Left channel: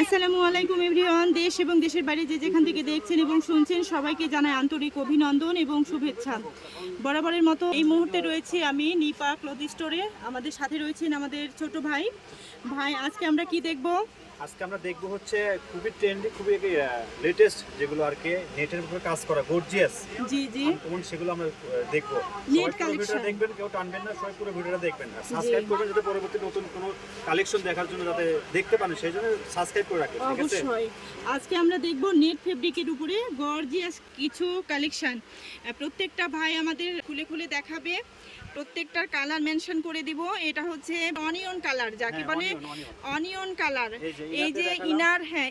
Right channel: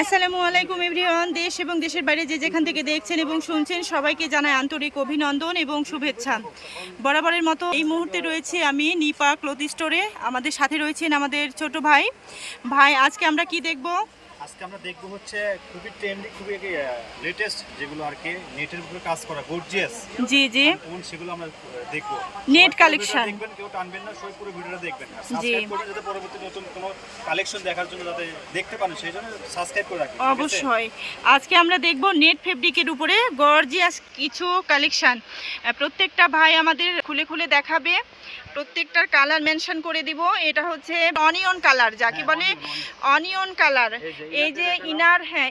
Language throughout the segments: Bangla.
আসসালামু আলাইকুম এভরিওয়ান। দেশ এবং দেশের বাইরে যে যেখান থেকে দেখছেন এবং শুনছেন সবাইকে জানাই আন্তরিক অভিনন্দন এবং শুভেচ্ছা। বরাবরের মতো এই মুহূর্তে রয়েছে আমি নিপা ক্লথ স্টোরে। আমাদের সাথে রয়েছেন আমাদের ছোট ভাই। আজকে আমরা কি দেখব? আজকে আমরা দেখবো হচ্ছে খুবই ট্রেন্ডি, খুবই লেটেস্ট যেগুলো আর কি নেটের উপরে কাজ করা গর্জিয়াস। জি জি, কোন সেগুলো আমরা দেখবো। নেট কালেকশন দেখবেন, কেউ টানবেন না, সবাই পুরো ভিডিওটা দেখবেন আর সাবস্ক্রাইব করবেন যাতে পরবর্তী নতুন কোনো কালেকশন দেখার জন্য যাতে দেখতে পারেন, সেই জন্য সাবস্ক্রাইব করে রাখবেন। অবশ্যই আজকে আমরা দেখব নেট ফেব্রিকের উপরে গর্জিয়াস কিছু কালেকশন। প্রত্যেকটা ভাই আমাদের খুলে খুলে দেখাবে, প্রত্যেকটার কালার মেনশন করে দিব। এটা হচ্ছে অনিয়ন কালার, যাকে বলে অনিয়ন কালার। এই যে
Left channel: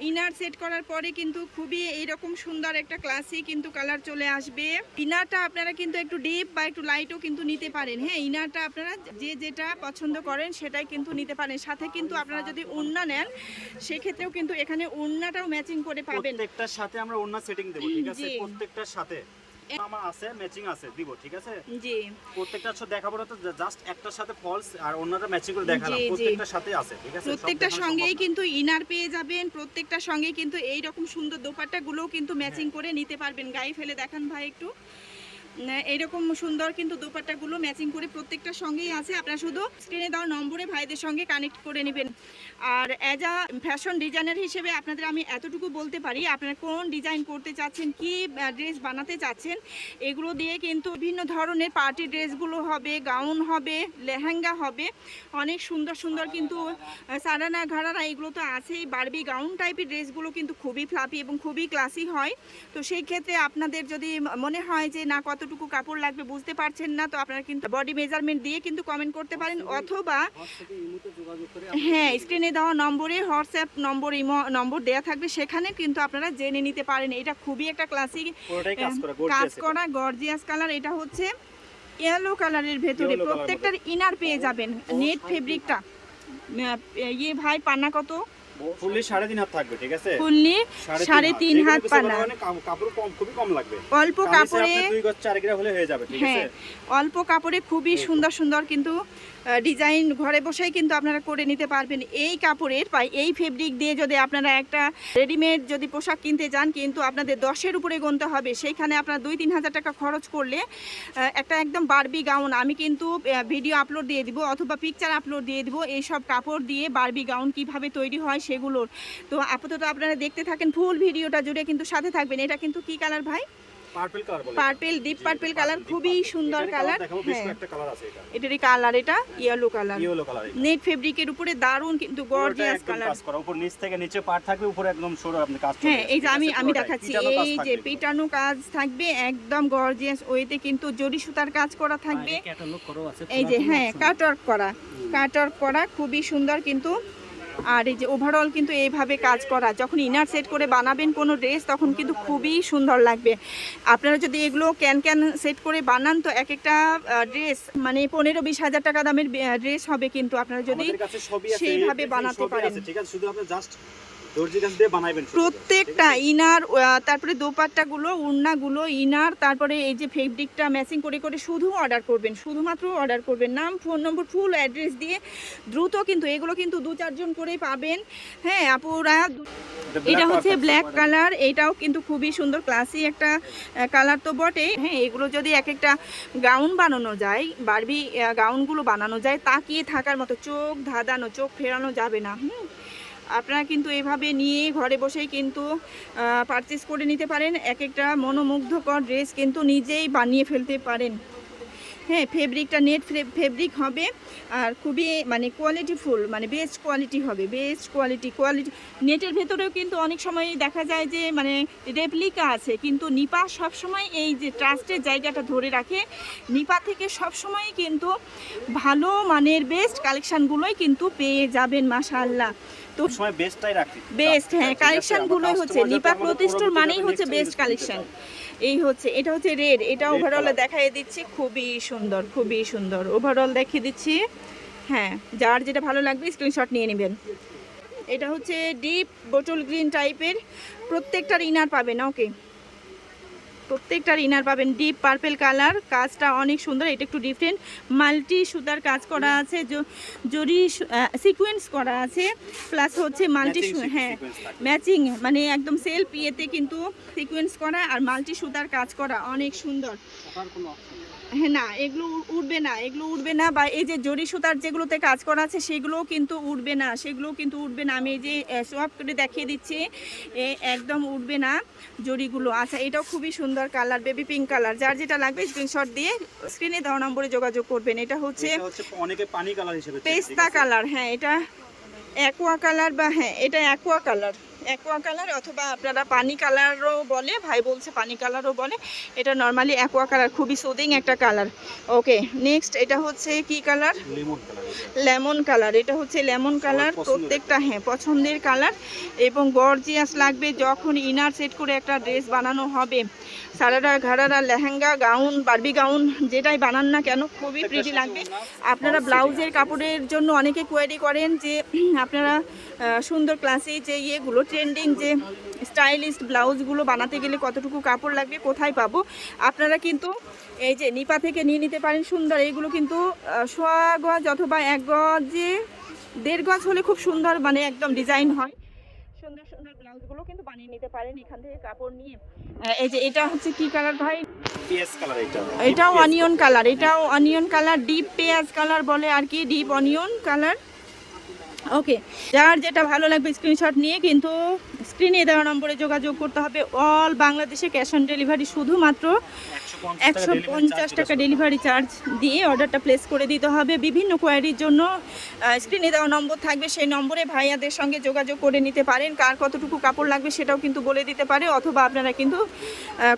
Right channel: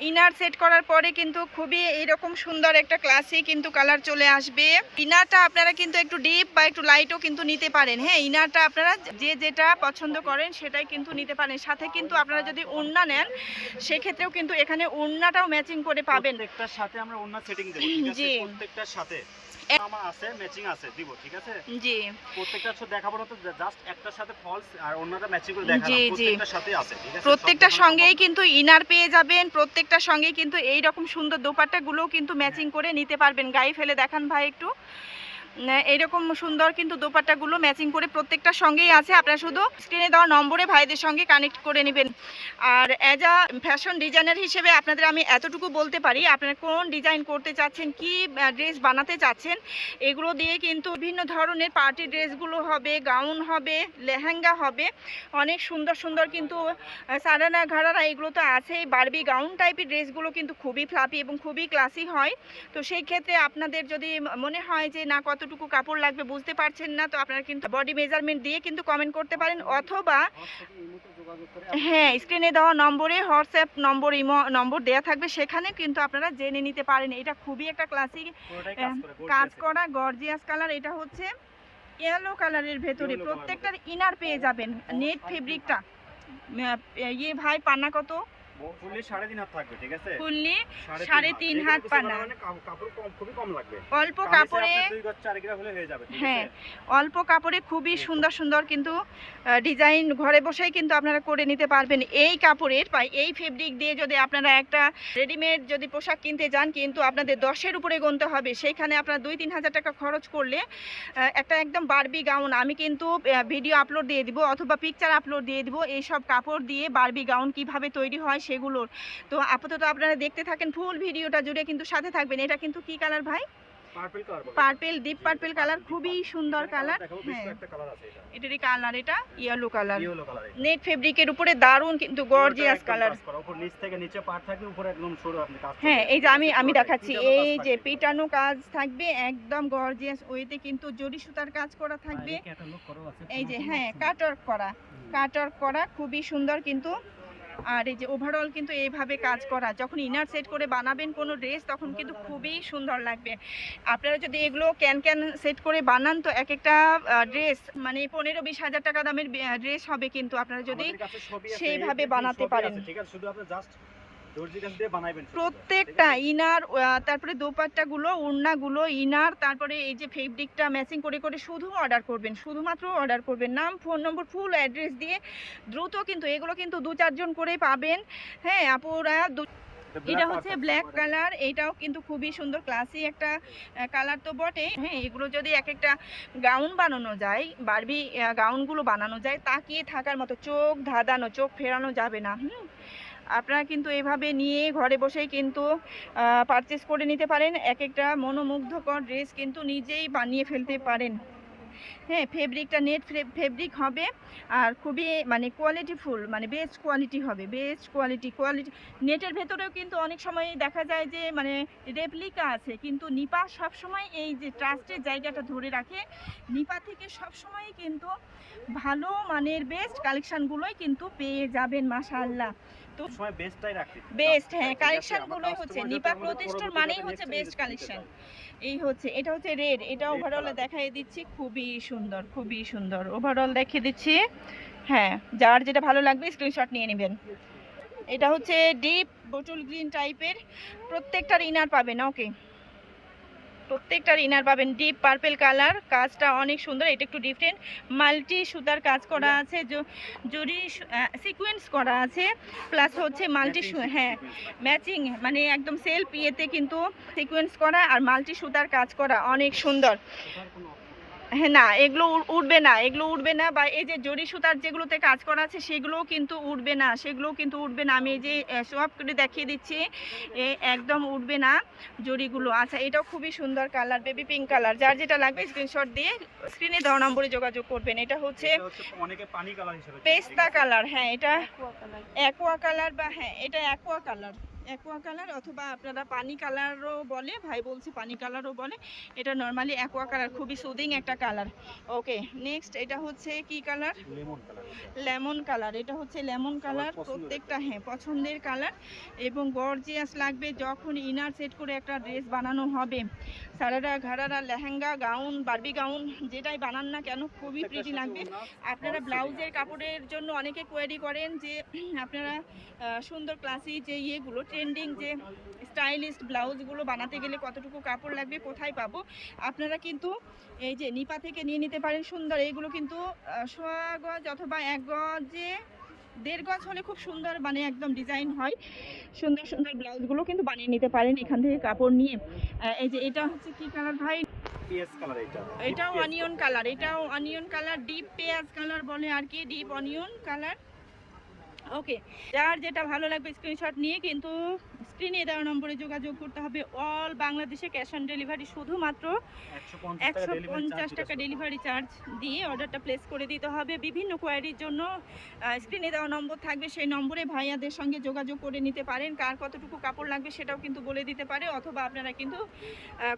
ইনার সেট করার পরে কিন্তু খুবই এরকম সুন্দর একটা ক্লাসি কিন্তু কালার চলে আসবে। ইনারটা আপনারা কিন্তু একটু ডিপ বা একটু লাইটও কিন্তু নিতে পারেন। হ্যাঁ, ইনারটা আপনারা যে যেটা পছন্দ করেন সেটাই কিন্তু নিতে পারেন। সাথে কিন্তু আপনারা যদি ওড়না নেন সেক্ষেত্রেও কিন্তু এখানে ওড়নাটাও ম্যাচিং করে পাবেন। প্রত্যেকটার সাথে আমরা ওড়না সেটিং দেব, ঠিক আছে? প্রত্যেকটার সাথে আমার আছে ম্যাচিং আছে দিব, ঠিক আছে? জি, প্রত্যেকটা ছোট দেখাবো না, তো জাস্ট একটার সাথে ফলস আর অন্যটা ম্যাচিং করে দেখাবো। প্রত্যেকটার সাথে আছে, ঠিক আছে? প্রত্যেকটার সঙ্গেই কিন্তু ইনার পেয়ে যাবেন, প্রত্যেকটার সঙ্গেই কিন্তু এই রকম সুন্দর দোপাট্টাগুলোও কিন্তু ম্যাচিং করে নিতে পারবেন। গায়ে ফেলে দেখান ভাই একটু। এইরকম সুন্দর কিন্তু দোপাট্টাগুলো ম্যাচিং করে প্রত্যেকটার সঙ্গেই আছে। আপনারা শুধু স্ক্রিনে দেওয়া নম্বরে ভাইদের সঙ্গে কানেক্ট করে নেবেন। আর অ্যাজ আ ফ্যাশন ডিজাইনার হিসেবে আপনাদের আমি এতটুকু বলতে পারি, আপনারা কোন ডিজাইন করতে চাচ্ছেন, কি ড্রেস বানাতে চাচ্ছেন, এগুলো দিয়ে কিন্তু বিভিন্ন ধরনের পার্টি ড্রেসগুলো হবে, গাউন হবে, লেহেঙ্গা হবে, অনেক সুন্দর সুন্দর কিন্তু সারানা ঘাড়ারা এগুলো তো আছেই। বারবি গাউন টাইপের ড্রেসগুলো কিন্তু খুবই ফ্লাপি এবং খুবই ক্লাসি হয়। তো সেই ক্ষেত্রে আপনাদের যদি মনে হয় যে না কতটুকু কাপড় লাগবে বুঝতে পারছেন না, তো আপনারা কিন্তু বডি মেজারমেন্ট দিয়ে কিন্তু কমেন্ট করতে পারেন, অথবা হ্যাঁ স্ক্রিনে দেওয়া নম্বরে হোয়াটসঅ্যাপ নম্বর, ইমো নম্বর দেওয়া থাকবে, সেখানে কিন্তু আপনারা জেনে নিতে পারেন। এটা খুবই একটা ক্লাসিক কাজ করা গর্জিয়াস কালার। এটা হচ্ছে ইয়েলো কালারের ভেতরে প্রত্যেকটার ইনার পেয়ে যাবেন নেট ফেব্রিকটা। ভাই পান্না কত? ফুললি 3.5 হাত থাকবে, ঠিক আছে? ফুললি 3.5 হাত পানা। কাপড় খুবই কম লাগবে, অল্প কাপড়ে 2 গজ 4 গজ হলে হয়ে যাবে, ঠিক আছে? হ্যাঁ, অল্প কাপড়ে খুবই সুন্দর সুন্দর কিন্তু ডিজাইন ঘরে বসেই কিন্তু আপনারা করে নিতে পারবেন। এই কাপড়ের বা এই ফেব্রিক দিয়ে যদি আপনারা একটা রেডিমেড যদি পোশাক কিনতে যান, কিন্তু আপনাদের 10-এর উপরে গুনতে হবে। সেইখানে আপনারা 2-3 হাজার টাকা খরচ করলে একটা একদম বারবি গাউন, আমি কিন্তু ভিডিও আপলোড দিয়ে দিব অথবা পিকচার আপলোড দিয়ে দিব এইসব কাপড় দিয়ে বারবি গাউন কিভাবে তৈরি হয় সেগুলোর। তো আপাতত আপনারা দেখতে থাকেন, ফুল ভিডিওটা জুড়ে কিন্তু সাথে থাকবেন। এটা কিন্তু কি কালার ভাই? পার্পল, ডিপ পার্পল কালার, খুবই সুন্দর কালার। হ্যাঁ, এটারই কালার, এটা ইয়েলো কালার। নেট ফেব্রিকের উপরে দারুন কিন্তু গর্জিয়াস কালার। উপর নিচ থেকে নিচে পার্ট থাকবে, উপরে একদম সরু আপনি কাজ করবেন। হ্যাঁ, এই যে আমি দেখাচ্ছি, এই যে পিটানো কাজ থাকবে একদম গর্জিয়াস ওয়েতে, কিন্তু জরি সুতার কাজ করা থাকবে। এই যে হ্যাঁ, কাটওয়ার্ক করা খুবই সুন্দর কিন্তু। আর এই যে ওভারঅল কিন্তু এইভাবে কাজ করা, যখন ইনার সেট করে বানাবেন কোনো ড্রেস তখন কিন্তু খুবই সুন্দর লাগবে। আপনারা যদি এগুলো ক্যান সেট করে বানান তো এক একটা ড্রেস মানে 15-20 হাজার টাকা দামের ড্রেস হবে, কিন্তু আপনারা যদি সেইভাবে বানাতে পারেন। ঠিক আছে, শুধু আপনি জাস্ট দর্জি কাজ দিয়ে বানাবেন প্রত্যেকটা ইনার, তারপরে দোপাট্টাগুলো, ওড়নাগুলো, ইনার, তারপরে এই যে ফেব্রিকটা ম্যাচিং করে করে শুধু অর্ডার করবেন, শুধুমাত্র অর্ডার করবেন। নাম, ফোন নম্বর, ফুল অ্যাড্রেস দিয়ে দ্রুত কিন্তু এগুলো কিন্তু 2-4 জন করেই পাবেন। হ্যাঁ আপুরা, এটা হচ্ছে ব্ল্যাক কালার, এটাও কিন্তু খুবই সুন্দর ক্লাসি একটা কালার তো বটে। হ্যাঁ, এগুলো যদি এক একটা গাউন বানানো যায়, বারবি গাউনগুলো বানানো যায়, তাকিয়ে থাকার মতো, চোখ ধাঁধানো, চোখ ফেরানো যাবে না। আপনারা কিন্তু এভাবে নিয়ে ঘরে বসেই কিন্তু পারচেস করে নিতে পারেন। এক একটা মনোমুগ্ধকর ড্রেস কিন্তু নিজেই বানিয়ে ফেলতে পারেন। হ্যাঁ, ফেব্রিকটা নেট ফেব্রিক হবে আর খুবই মানে কোয়ালিটিফুল, মানে বেস্ট কোয়ালিটি হবে, বেস্ট কোয়ালিটি। নেটের ভেতরেও কিন্তু অনেক সময় দেখা যায় যে মানে রেপ্লিকা আছে, কিন্তু নিপা সবসময় এই যে ট্রাস্টের জায়গাটা ধরে রাখে। নিপা থেকে সবসময় কিন্তু ভালো মানের বেস্ট কালেকশানগুলোই কিন্তু পেয়ে যাবেন, মাশাআল্লাহ। তো সময় বেস্টটাই রাখি, বেস্ট, হ্যাঁ, কালেকশনগুলোই হচ্ছে নিপা ক্লথ স্টোর মানেই হচ্ছে বেস্ট কালেকশন। এই হচ্ছে, এটা হচ্ছে রেড, এটা ওভারঅল দেখাই দিচ্ছি, খুবই সুন্দর, খুবই সুন্দর ওভারঅল দেখিয়ে দিচ্ছি। হ্যাঁ, যার যেটা ভালো লাগবে স্ক্রিনশট নিয়ে নেবেন। এটা হচ্ছে ডিপ বটল গ্রিন টাইপের, প্রত্যেকটার ইনার পাবেন। ওকে, প্রত্যেকটার ইনার পাবেন ডিপ পার্পল কালার, কাজটা অনেক সুন্দর, এটা একটু ডিফারেন্ট, মাল্টি সুতার কাজ করা আছে, জরি সিকোয়েন্স করা আছে, প্লাস হচ্ছে মাল্টি, হ্যাঁ ম্যাচিং, মানে একদম সেলফ ইয়েতে কিন্তু সিকোয়েন্স করা আর মাল্টি সুতার কাজ করা, অনেক সুন্দর। হ্যাঁ না, এগুলো উঠবে না, এগুলো উঠবে না, বা এই যে জরি সুতার যেগুলোতে কাজ করা আছে সেগুলোও কিন্তু উঠবে না, সেগুলোও কিন্তু উঠবে না। আমি এই যে সোয়াপ করে দেখিয়ে দিচ্ছি, একদম উঠবে না জরিগুলো। আচ্ছা, এটাও খুবই সুন্দর কালার, বেবি পিঙ্ক কালার। যার যেটা লাগবে স্ক্রিনশট দিয়ে স্ক্রিনে দেওয়া নম্বরে যোগাযোগ করবেন। এটা হচ্ছে অনেকে পানি কালার হিসেবে পেস্তা কালার, হ্যাঁ এটা অ্যাকোয়া কালার, বা হ্যাঁ এটা অ্যাকোয়া কালার, অ্যাকোয়া কালার অথবা আপনারা পানি কালারও বলে, ভাই বলছে পানি কালারও বলে, এটা নর্মালি অ্যাকোয়া কালার, খুবই সুদিং একটা কালার। ওকে, নেক্সট এটা হচ্ছে কি কালার, লেমন কালার। এটা হচ্ছে লেমন কালার, প্রত্যেকটা হ্যাঁ পছন্দের কালার এবং গর্জিয়াস লাগবে যখন ইনার সেট করে একটা ড্রেস বানানো হবে। সারারা ঘাড়ারা লেহেঙ্গা গাউন বারবি গাউন যেটাই বানান না কেন খুবই প্রিটি লাগবে। আপনারা ব্লাউজের কাপড়ের জন্য অনেকে কোয়ারি করেন যে আপনারা সুন্দর ক্লাসি যে ইয়েগুলো ট্রেন্ডিং যে স্টাইলিস্ট ব্লাউজগুলো বানাতে গেলে কতটুকু কাপড় লাগবে, কোথায় পাবো, আপনারা কিন্তু এই যে নিপা থেকে নিয়ে নিতে পারেন। সুন্দর এইগুলো কিন্তু সোয়া গজ অথবা 1 গজে 1.5 গজ হলে খুব সুন্দর, মানে একদম ডিজাইন হয়, সুন্দর সুন্দর ব্লাউজগুলো কিন্তু বানিয়ে নিতে পারেন এখান থেকে কাপড় নিয়ে। এই যে এটা হচ্ছে কি কালার ভাই, পিএস কালার, এটাও অনিয়ন কালার, এটাও অনিয়ন কালার, ডিপ পেঁয়াজ কালার বলে আর কি, ডিপ অনিয়ন কালার। ওকে, যার যেটা ভালো লাগবে স্ক্রিনশট নিয়ে কিন্তু স্ক্রিনে দেওয়া নম্বরে যোগাযোগ করতে হবে। অল বাংলাদেশে ক্যাশ অন ডেলিভারি, শুধুমাত্র 150 টাকা ডেলিভারি চার্জ দিয়ে অর্ডারটা প্লেস করে দিতে হবে। বিভিন্ন কোয়ারির জন্য স্ক্রিনে দেওয়া নম্বর থাকবে, সেই নম্বরে ভাইয়াদের সঙ্গে যোগাযোগ করে নিতে পারেন। কার কতটুকু কাপড় লাগবে সেটাও কিন্তু বলে দিতে পারে, অথবা আপনারা কিন্তু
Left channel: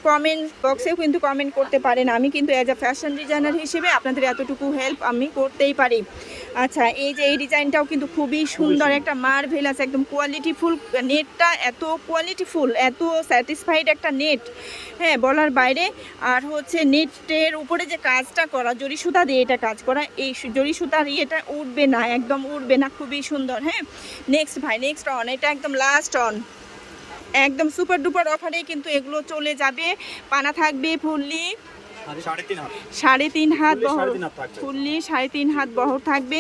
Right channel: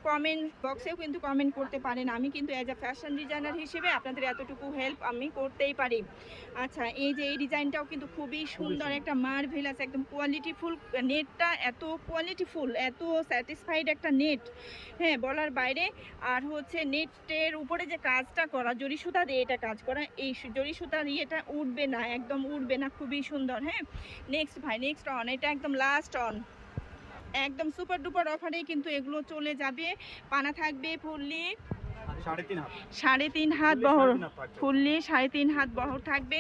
কমেন্ট বক্সেও কিন্তু কমেন্ট করতে পারেন। আমি কিন্তু অ্যাজ আ ফ্যাশন ডিজাইনার হিসেবে আপনাদের এতটুকু হেল্প আমি করতেই পারি। আচ্ছা, এই যে এই ডিজাইনটাও কিন্তু খুবই সুন্দর একটা মার্ভেলাস, একদম কোয়ালিটিফুল, নেটটা এত কোয়ালিটিফুল, এত স্যাটিসফাইড একটা নেট, হ্যাঁ বলার বাইরে। আর হচ্ছে নেটের উপরে যে কাজটা করা, জরি সুতা দিয়ে এটা কাজ করা, এই জরি সুতার ইয়েটা উঠবে না, একদম উঠবে না, খুবই সুন্দর। হ্যাঁ, নেক্সট ভাই, নেক্সট অন, এটা একদম লাস্ট অন, একদম সুপার ডুপার অফারে কিন্তু এগুলো চলে যাবে। পানা থাকবে ফুললি 3.5 হাত বহর, ফুললি 3.5 হাত বহর থাকবে।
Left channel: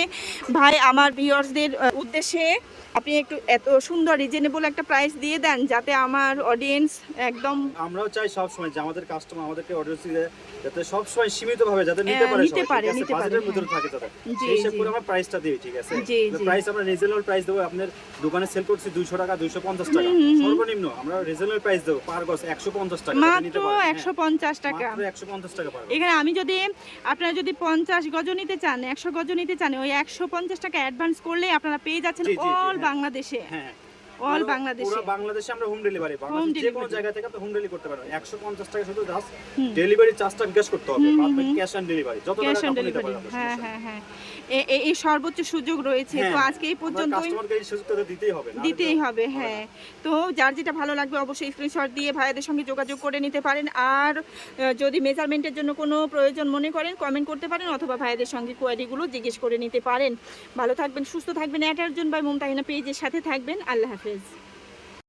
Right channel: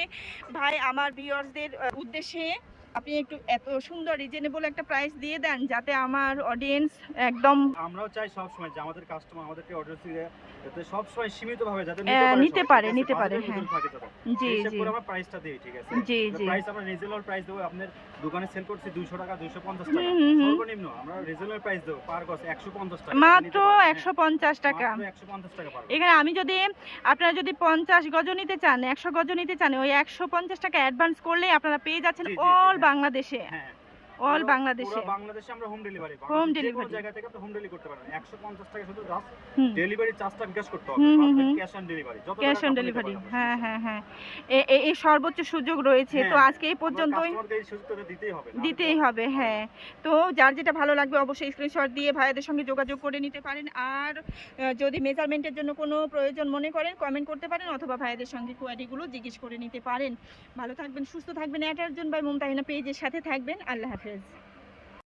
ভাই আমার ভিউয়ার্সদের উদ্দেশ্যে আপনি একটু এত সুন্দর রিজনেবল একটা প্রাইস দিয়ে দেন যাতে আমার অডিয়েন্স একদম, আমরাও চাই সব সময় যে আমাদের কাস্টমার আমাদেরকে অডিয়েন্স যাতে সব সময় সীমিতভাবে যাতে নিতে পারে জি জি, সেক্ষেত্রে আমরা প্রাইসটা দিই, ঠিক আছে, জি জি, প্রাইস আমরা রিজনেবল প্রাইস দেব। আপনার দোকানে সেল করছি 200 টাকা 250 টাকা সর্বনিম্ন, আমরা রিজনেবল প্রাইস দেব পার গজ 150 টাকা, মাত্র 150 টাকা, মাত্র 150 টাকা পার। এখানে আমি যদি আপনারা যদি 50 গজ নিতে চান, 100 গজ নিতে চান, ওই 150 টাকা অ্যাডভান্স করলে আপনারা পেয়ে যাচ্ছেন অল বাংলাদেশে, হ্যাঁ অল বাংলাদেশে, পুরো বাংলাদেশে আমরা হোম ডেলিভারি, হোম যে কোনো জায়গা থেকে আপনি হোম ডেলিভারি করতে পারবেন। 150 টাকা শুধু জাস্ট ডেলিভারি চার্জটা ক্যাশ করতে হবে, আপনি ক্যাশ অন ডেলিভারি, যত ক্যাশ অন ডেলিভারি, হ্যাঁ হ্যাঁ হ্যাঁ, এই সর্বোচ্চ সুযোগ রয়েছে। তো আজকে এই পর্যন্তই, কাস্টমারকে এই সুযোগটা দিতেই হবে, হ্যাঁ। তো যার যেটা ভালো লাগবে অবশ্যই স্ক্রিনশট দিয়ে ভাইয়াদের সঙ্গে যোগাযোগ করে নিতে পারেন। আর যদি মেজারমেন্টের জন্য কোনো প্রয়োজন মনে করেন কমেন্ট করতে পারেন, অথবা ভাইয়াদের সঙ্গে কোয়ারিগুলো জিজ্ঞেস করে নিতে পারেন। ভালো থাকবেন, সুস্থ থাকবেন, এটার জন্য বাই মুমতাহিনা পেজের সাথে থাকবেন। আল্লাহ হাফেজ।